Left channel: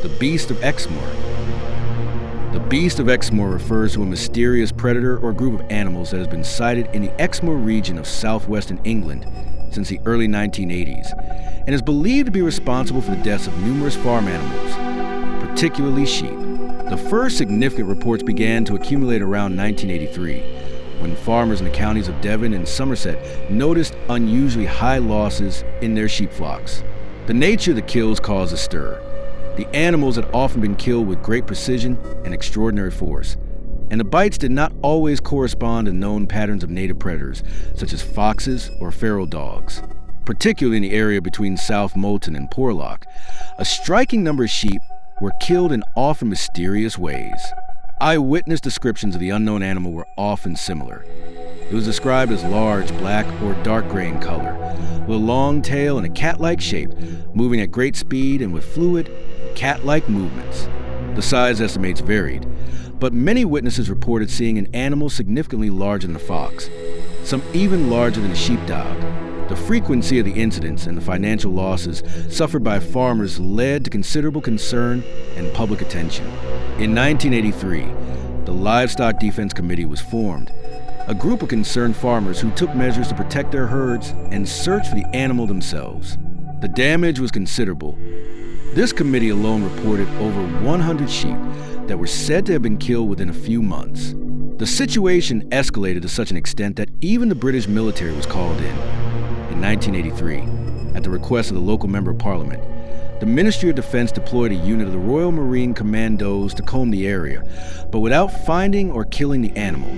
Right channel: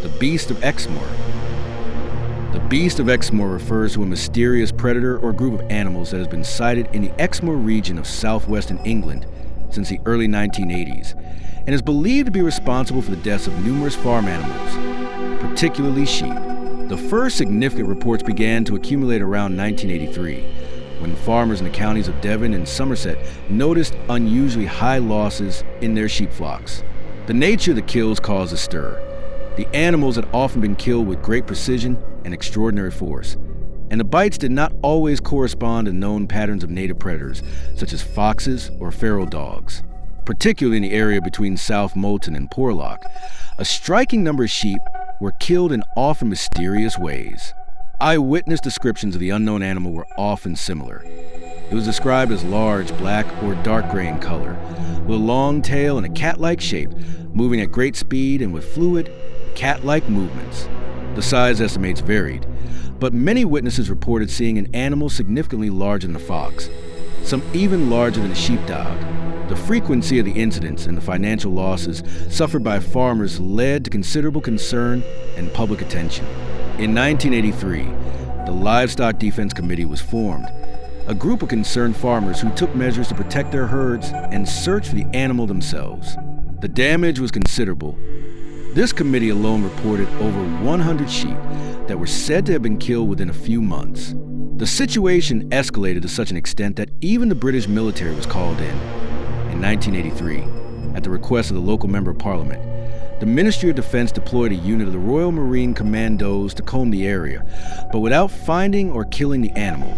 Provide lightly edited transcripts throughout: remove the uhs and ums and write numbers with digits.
The Beast of Exmoor. The Beast of Exmoor refers to a mysterious predator or group of animals that has been sighted in the Exmoor region of southwestern England since the early 1980s, and is believed to be responsible for the deaths of numerous farm animals, particularly sheep. The first significant reports began to accumulate around 1983, when farmers in the counties of Devon and Somerset noticed unusually high losses in their sheep flocks. The nature of the kills caused a stir. The animals had often been killed with great precision and extraordinary force, and the bites did not always correspond to known patterns of native predators, such as foxes or feral dogs. Particularly in the area between South Molton and Porlock, a striking number of sheep were killed in often mysterious ways. Eyewitness descriptions of the unknown animal were often similar. It was described as large, black, or dark gray in color, with a long tail and a cat-like shape, moving at great speed and with fluid, cat-like movements. The size estimates varied, but many witnesses reported seeing an animal significantly larger than a fox, some even larger than a sheepdog. The frequency of the incidents and the financial losses suffered by farmers led to considerable concern and public attention. In 1983, the Livestock Defense Committee was formed, a group of concerned farmers who took measures to protect their herds and search for the animal themselves. The damage was considerable. This committee alone reported over 100 sheep that were said to have been killed within a few months. The situation escalated to such an extent that even the British military was called in. In 1983, at the request of the local Member of Parliament, the Ministry of Defense deployed a unit of the Royal Marine Commandos to comb the area, but without finding or killing the animal.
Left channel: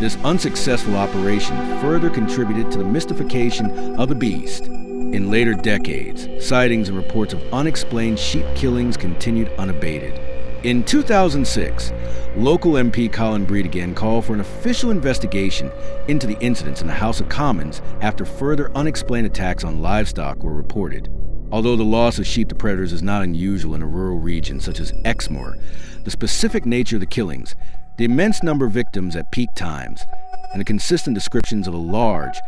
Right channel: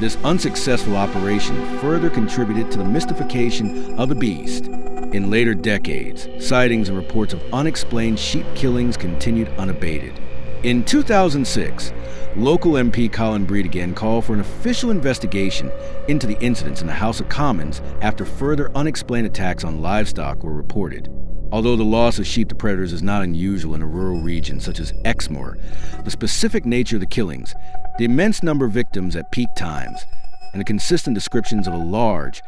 This unsuccessful operation further contributed to the mystification of the beast. In later decades, sightings and reports of unexplained sheep killings continued unabated. In 2006, local MP Colin Breed again called for an official investigation into the incidents in the House of Commons after further unexplained attacks on livestock were reported. Although the loss of sheep to predators is not unusual in a rural region such as Exmoor, the specific nature of the killings, the immense number of victims at peak times, and the consistent descriptions of a large,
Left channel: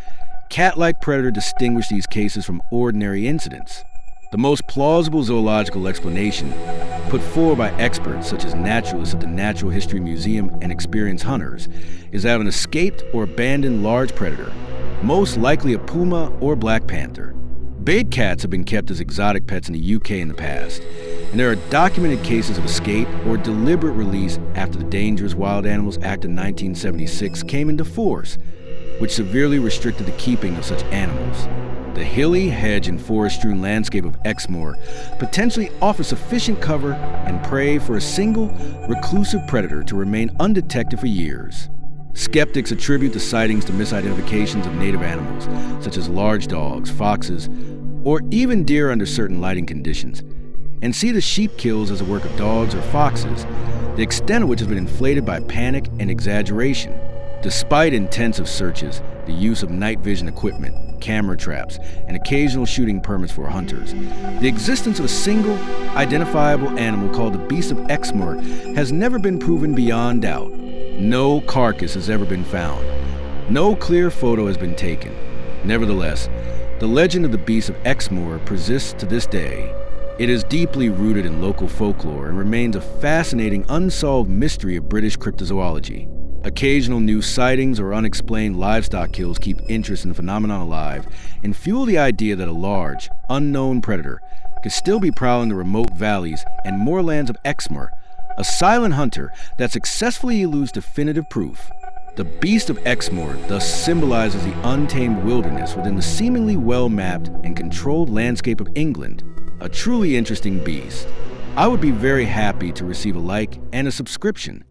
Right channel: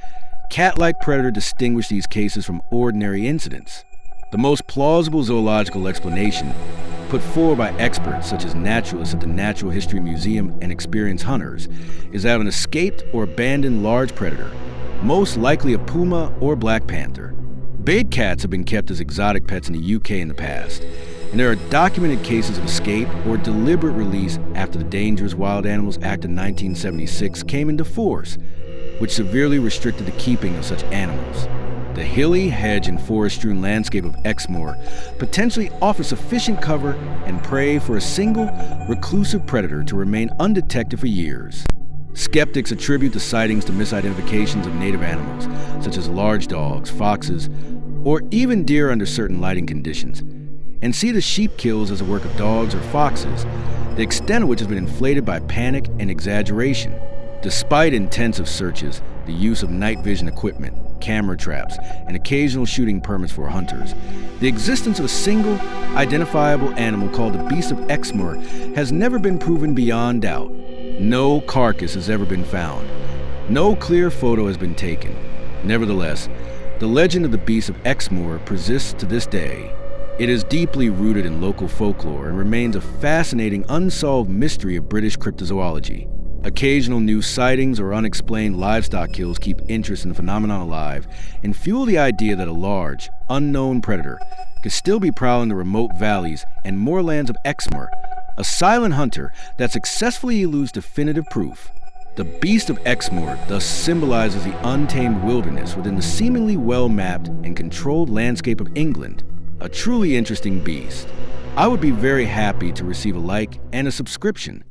cat-like predator distinguish these cases from ordinary incidents. The most plausible zoological explanation, put forward by experts such as naturalists at the Natural History Museum and experienced hunters, is that of an escaped or abandoned large predator, most likely a puma or black panther. Bait cats have been kept as exotic pets in the UK in the past, and there are documented cases of escape or deliberate release after the Dangerous Wild Animals Act of 1976 came into force, which severely restricted the keeping of such animals. The hilly, hedge, and forest-strewn landscape of Exmoor potentially offers sufficient cover and prey for a single, reclusive predator to remain undetected for years. Skeptics attribute the sightings to misidentifications of native animals, such as large dogs, foxes, or even deer under certain lighting conditions, and see the sheep kills as a work of dogs or foxes, the extent of which has been inflated by panic and exaggeration. Despite intensive searches, the use of night vision equipment, camera traps, and occasional shooting permits for hunters, the existence of a single, identifiable animal called the Beast of Exmoor has never been proven beyond doubt. No carcass has ever been found. No clear photo has been taken. Nevertheless, the legend of the Beast of Exmoor persists to this day. It is deeply rooted in local folklore and remains a fascinating unsolved mystery of British cryptozoology. Occasional new sightings or unexplained livestock kills keep interest in the phenomenon alive and fuel the idea that a large, unknown predator could still be prowling the remote valleys and moorlands of Exmoor, a silent hunter that successfully eludes definitive proof. The Beast of Exmoor thus symbolizes the untamed wilderness within the seemingly well-mapped and controlled landscape of England, a truly interesting beast. I would be very happy to receive a like and a subscription.